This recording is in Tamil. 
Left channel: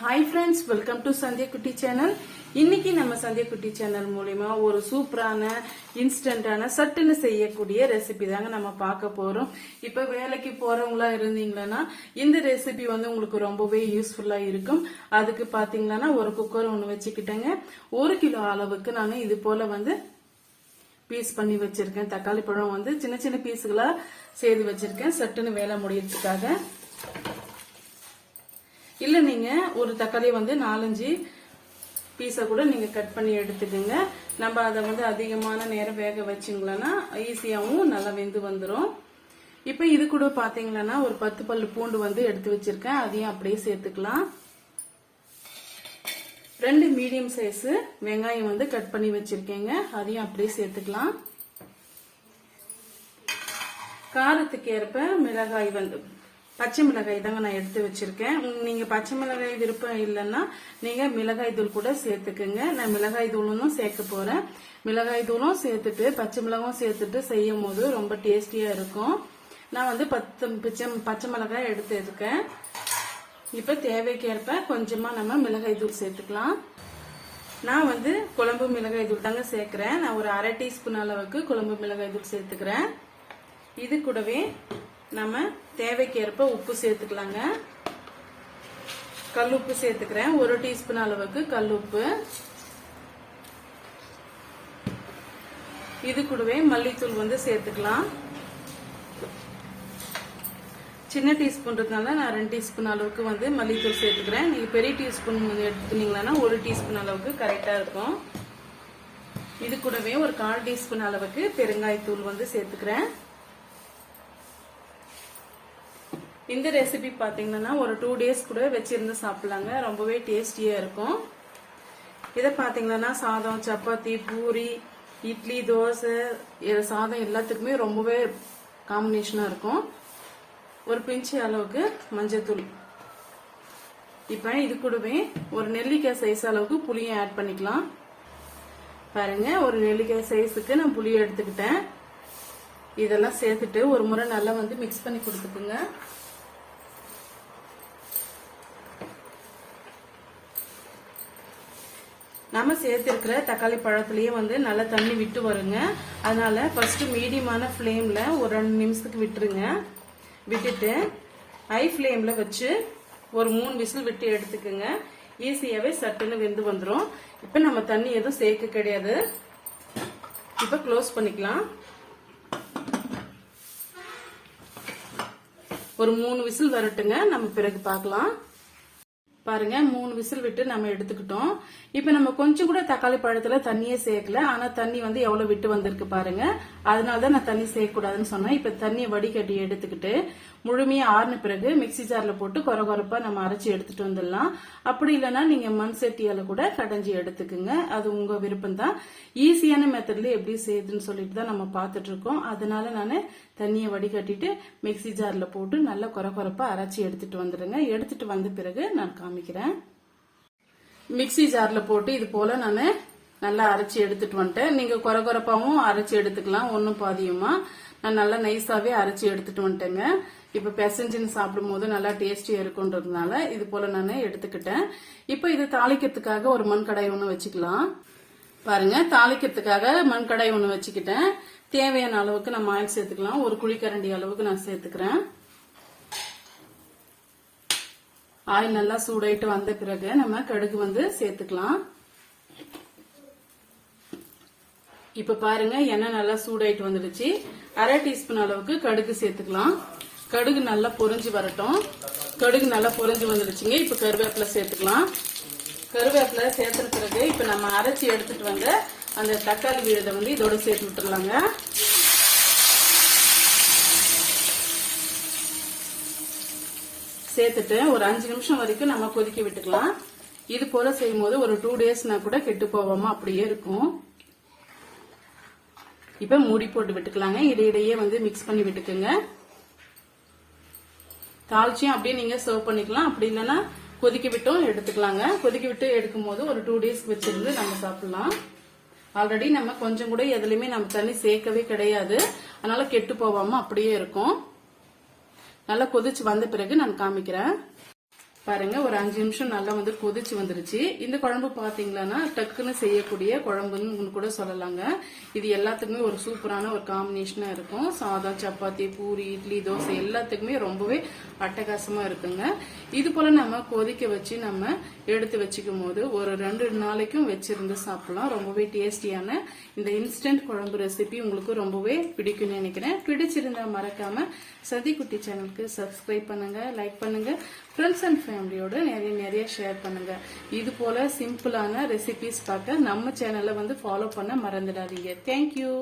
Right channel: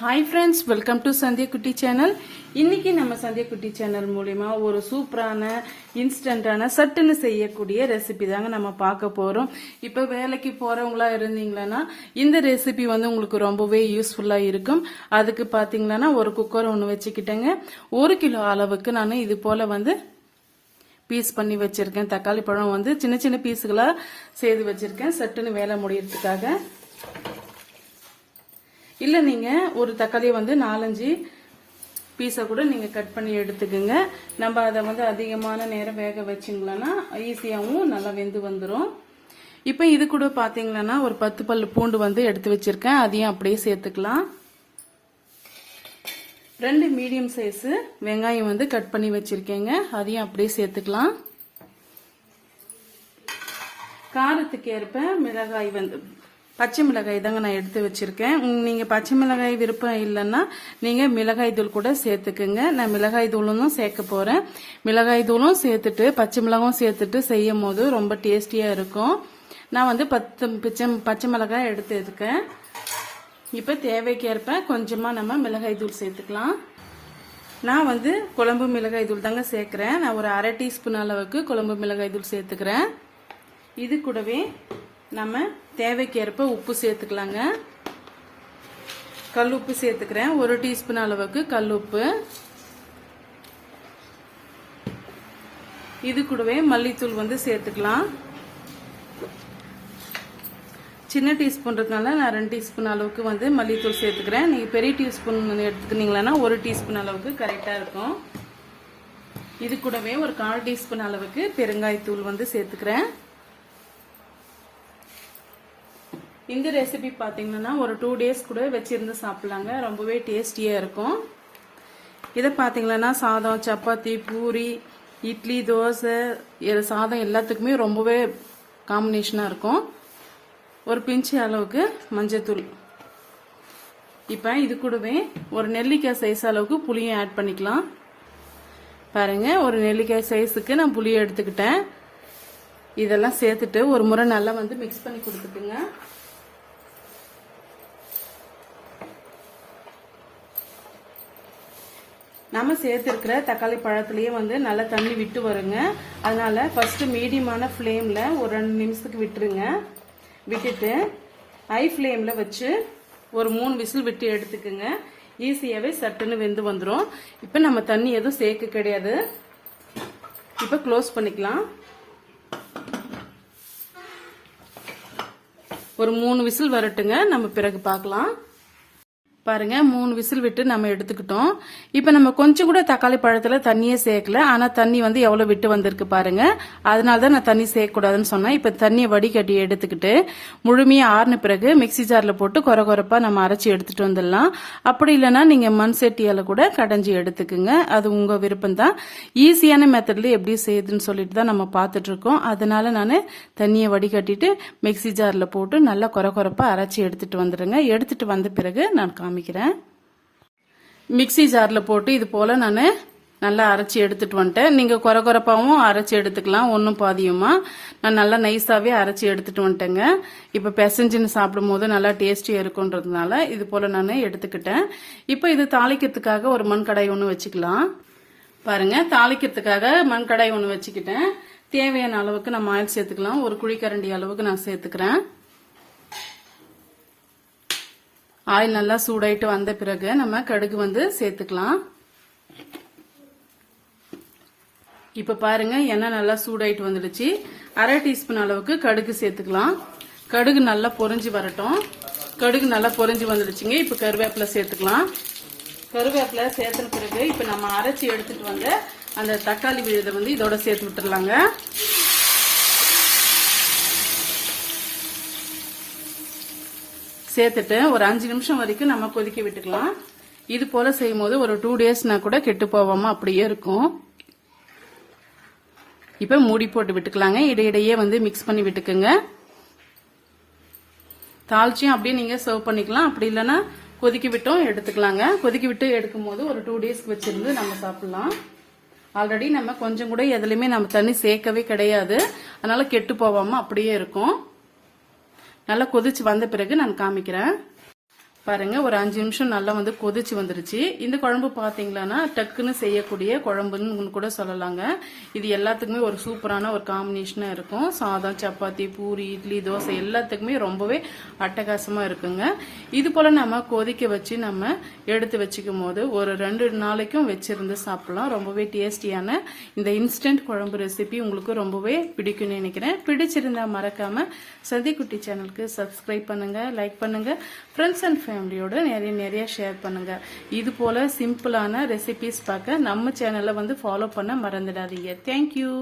हाई फ्रेंड्स वेलकम टू संध्या कुट्टी चैनल இன்னைக்கு நம்ம சந்தியா குட்டி சேனல் மூலமா ஒரு சூப்பரான இன்ஸ்டன்டான சட்டுன்னு செய்யக்கூடிய ரெசிபி தாங்க நம்ம பார்க்க போறோம். இப்ப வேலைக்கு போறவங்களா இருந்தீங்கன்னா இந்த ரெசிபி வந்து உங்களுக்கு ரொம்பவே யூஸ்ஃபுல்லா இருக்கும். அதுக்கு பாத்தீங்கன்னா ஒரு குக்கர் ஒன்று வச்சுக்கிட்டேங்க. 1 கிலோ அளவுக்கு நான் இது போல வந்து பீஸ் பண்ணி வச்சிருக்கேன். தக்காளி பழம் வந்து சின்ன சின்ன பீஸுகளா செய்து வச்சிருக்கேன் சட்டுன்னு வேலை முடியறதுக்காக. இல்ல நீங்க ஒரு தக்காளி வந்து 4-5 பீஸை கூட நீங்க கட் பண்ணி எடுத்துக்கோங்க. நம்ம அதை வந்து அதிகமான நேரம் வேக வச்சிங்களா ஈஸியாவும் நல்லா வெந்து வந்துடும். இப்ப இது கூட பாத்தீங்கன்னா ஒரு 10 பல்லு பூண்டு வந்து எடுத்து வச்சிருக்கேன். அதையும் அப்படியே சேர்த்துக்கலாம். 2 மீடியம் சைஸ் வெங்காயம் வந்து கட் பண்ணி வச்சிருக்கேங்க. அதையும் அப்படியே சேர்த்துக்கலாம். காரத்துக்கு ஏற்ப மிளகாய் வந்து பச்சை மிளகாய் தாங்க நான் எடுத்து வச்சிருக்கேன். நீங்க பச்சை மிளகாய் விருப்பம் இல்லைன்னா நீங்க மிளகாய் தூள் கூட சேர்த்துக்குங்க. நான் மிளகாய் தூளும் சேர்க்க போறேன். மிளகாய் தூளும் சேர்த்துட்டு பச்சை மிளகாயும் சேர்த்துட்டு செய்யும் போது ரொம்ப டேஸ்டியா இருக்கும். நான் வந்து 10 பச்சை மிளகாய் எடுத்துருக்கேன். இப்ப தேவைக்கேற்ப கொஞ்சமா நம்ம மிளகாய் தூள் சேர்த்துக்கலாம். நான் வந்து குழம்பு மிளகாய் தூள் தாங்க சேர்க்கிறேன். நான் ஒரு 1/2 டீஸ்பூன் அளவுக்கு குழம்பு மிளகாய் தூள் சேர்த்துக்கிறேன். இது கூடவே நம்ம தேவைக்கேற்ப உப்பு சேர்த்துக்கலாங்க. கல் உப்பு சேர்த்துக்கிறேன். 1 டீஸ்பூன் அளவுக்கு கல் உப்பு. இது கூடவே மல்லித்தூள் வந்து சேர்த்துக்கலாம். சின்ன டீஸ்பூன் இருக்கனால நான் 2 டீஸ்பூன் அளவுக்கு வந்து மல்லித்தூள் சேர்த்துக்கிறேன். நீங்க பெரிய டீஸ்பூன் வந்து எடுத்துக்கிட்டீங்கன்னா 1 டீஸ்பூன் அளவுக்கு கரெக்டா இருக்கும். இது கூடவே ஒரு 1/4 டீஸ்பூன் அளவுக்கு பெருங்காயத்தூள் வந்து சேர்த்துக்கிறேன். இந்த ரெசிபி பாத்தீங்கன்னா ஒரு 2 டேஸ் கூட வச்சிருந்து சாப்பிடலாங்க. ரொம்பவே டேஸ்டியா இருக்கும். இதை பாத்தீங்கன்னா சாதம், சப்பாத்தி, பூரி, இட்லி, தோசை சாதம் எல்லாத்துக்குமே ரொம்பவே காம்பினேஷனா இருக்கும். ஒரு பிஞ்சு அளவுக்கு மஞ்சத்தூள். இப்ப இது கூடவே ஒரு நெல்லிக்காய் சைஸ் அளவுக்கு புளியை ஆட் பண்ணிக்கலாம். பாருங்க ஒரு நெல்லிக்காய் சைஸுக்கு நான் புளியை எடுத்துக்கிட்டேன். இதெல்லாம் சேர்த்துட்டு ஒரு முறை நல்லா வந்து மிக்ஸ் பண்ணி கொடுத்துக்குங்க. நம்ம சேர்த்திருக்கிற தக்காளி பழத்திலேயே வந்து நல்லா தண்ணி விட்டு வருங்க. அதனால ஃபர்ஸ்ட் மீடியமான ஃப்ளேம்ல ஒரு 2 நிமிஷத்துக்கு விட்டுருங்க. விட்டுட்டு ஹை ஃப்ளேம்ல வச்சு ஒரு 3 விசில் விட்டு எடுத்துக்குங்க. ஈஸியாவே சட்டுன்னு வெந்து வந்துடும். இப்ப நம்ம தண்ணி எதுவும் சேர்க்க கிடையாது. இப்ப க்ளோஸ் பண்ணிக்கலாம். ஒரு 3 விசில் வரட்டுங்க. நம்ம பிறகு பார்க்கலாம். பாருங்க 3 விசில் விட்டு நம்ம எடுத்துக்கிட்டோம். இப்ப நம்ம கொஞ்சம் கூட தக்காளி பழத்துல தண்ணியே சேர்க்கல. ஆனா தண்ணி வந்து எவ்வளவு விட்டு வந்திருக்கு பாருங்க. அதனாலதான் நான் தண்ணி சேர்க்கக்கூடாதுன்னு சொன்னேன். இப்ப தண்ணியை வடிகட்டி எடுத்துக்கிட்டு முழுமையா ஆறின பிறகு மிக்சி ஜார்ல போட்டு கொரகொரப்பா நம்ம அரைச்சி எடுத்துட்டு வந்துடலாம். அப்படி இல்லைன்னா நீங்க மண் சட்டியால கூட கடைஞ்சி எடுத்துக்குங்க. அது உங்க விருப்பம் தான். ஈஸியான மெத்தட்ல எப்படி செய்யுதுன்னு சொல்லிட்டு தான் நம்ம பார்த்துட்டு இருக்கோம். அதனால நான் தண்ணியை வடிகட்டிட்டு மிக்சி ஜார்ல போட்டு நல்லா கொரகொரப்பா அரைச்சி எடுத்துட்டு வந்துடுங்க. எடுத்துட்டு வந்த பிறகு நான் காமிக்கிறேன். மிக்சி ஜார்ல போட்டு இது போல நான் நல்லா அரைச்சி எடுத்துட்டு வந்துட்டேன். நீங்க கொரகொரப்பாவும் அரைச்சி எடுத்துக்கலாம். ஒன்னும் பாதியுமா நான் நல்லா நைஸாவே அரைச்சி எடுத்துட்டு வந்துட்டேங்க. இப்ப பெசஞ்சுன்னு சாப்பிடும் போது நல்லா டேஸ்டியா இருக்குன்றதுனால இது போல நான் எடுத்துக்கிட்டேன். இப்ப இது தாளிக்கிறதுக்காக ஒரு மண் கடாய் ஒன்று வச்சுக்கலாம். பாருங்க தாளிக்கிறதுக்காக மண் கடாய் ஒன்று வச்சுக்கிட்டேன். தேவையான அளவுக்கு நம்ம ஆயில் சேர்த்துக்கலாம். ஒரு குழிக்கரண்டி அளவுக்கு நான் சேர்த்துக்கிறேன். ஆயில் நல்லா சூடாயிட்டு வந்த பிறகு நம்ம கடுகு வந்து சேர்த்துக்கலாம். இப்ப பாருங்க எண்ணெய் நல்லா சூடாயிட்டு வந்துடுச்சு. 1/2 டீஸ்பூன் அளவுக்கு கடுகு சேர்த்துக்கலாம். கடுகு நல்லா பொரிஞ்சு வரட்டும். கடுகு நல்லா பொரிஞ்சு வந்துடுச்சுங்க. இப்ப கருவேப்பிலை சேர்த்துக்கலாம். கருவேப்பிலை சேர்த்த பிறகு இப்ப நம்ம அரைச்சி எடுத்துட்டு வந்த அந்த தக்காளி விழுதை வந்து இதோட சேர்த்து விட்டுறலாங்க. சேர்த்துட்டு ஒரு 5 நிமிஷம் வரைக்கும் நம்ம கொதிக்க விட்டுக்கலாம். இது போல செய்யும் போது ஒரு 2 டேஸ்னா கூட கெட்டு போவாம அப்படியே இருக்கும். இப்ப மூடி போட்டு விட்டுக்கலாங்க. இடையிடையே வந்து மிக்ஸ் பண்ணி விட்டுக்குங்க. தாளிச்சியும் அப்படியே நீங்க சர்வ் பண்ணிக்கலாம். அப்படி இல்லைன்னா கொதிக்க விட்டும் எடுத்துக்கலாங்க. கொதிக்க விட்டு எடுக்கும் போது ஒரு 2 டேஸ்க்கு வச்சிருந்து நம்ம சாப்பிடலாம். ஆல்ரெடி நம்ம கொஞ்சம் கூட எதுலையுமே நம்ம தண்ணி சேர்க்கவே கிடையாது. அதனால கெட்டு போவாம அப்படியே இருக்கும். நல்லா கொதிச்சு வந்த பிறகு நான் காமிக்கிறேன். பாருங்க ஒரு 5 நிமிஷம் நல்லா வந்து கொதிச்சு வந்துருச்சு. இந்த குழம்பு பாத்தீங்கன்னா டக்குன்னு செய்யக்கூடிய குழம்புன்னு கூட சொல்லலாங்க. இது எல்லாத்துக்குமே ஒரு சூப்பரான ஒரு காம்பினேஷனா இருக்கும். சாதம், சப்பாத்தி, பூரி, இட்லி, தோசை எல்லாத்துக்குமே ரொம்பவே அட்டகாசமா இருக்குங்க. இது போல நம்ம கொதிக்க வச்சு நம்ம எடுத்து வச்சுக்கும் போது ஒரு 2 நாளைக்கும் வச்சிருந்து சாப்பிடலாம். ரொம்பவே டேஸ்டியான இந்த இன்ஸ்டன்ட் குழம்பு ரெசிபி உங்களுக்கு ரொம்பவே பிடிக்கும்னு நினைக்கிறேன். பிடிச்சிருந்தா மறக்காம சதிக்குட்டி சேனலுக்கு சப்ஸ்கிரைப் பண்ணுங்க, லைக் பண்ணுங்க, ஃப்ரெண்ட்ஸ் அண்ட் ஃபேமிலியோட நிறைய ஷேர் பண்ணுங்க. இது போல சிம்பிளான ரெசிபிஸ் பார்க்க நம்ம சேனலை வந்து ஃபாலோ பண்ண மறந்துடாதீங்க. தேங்க்யூ.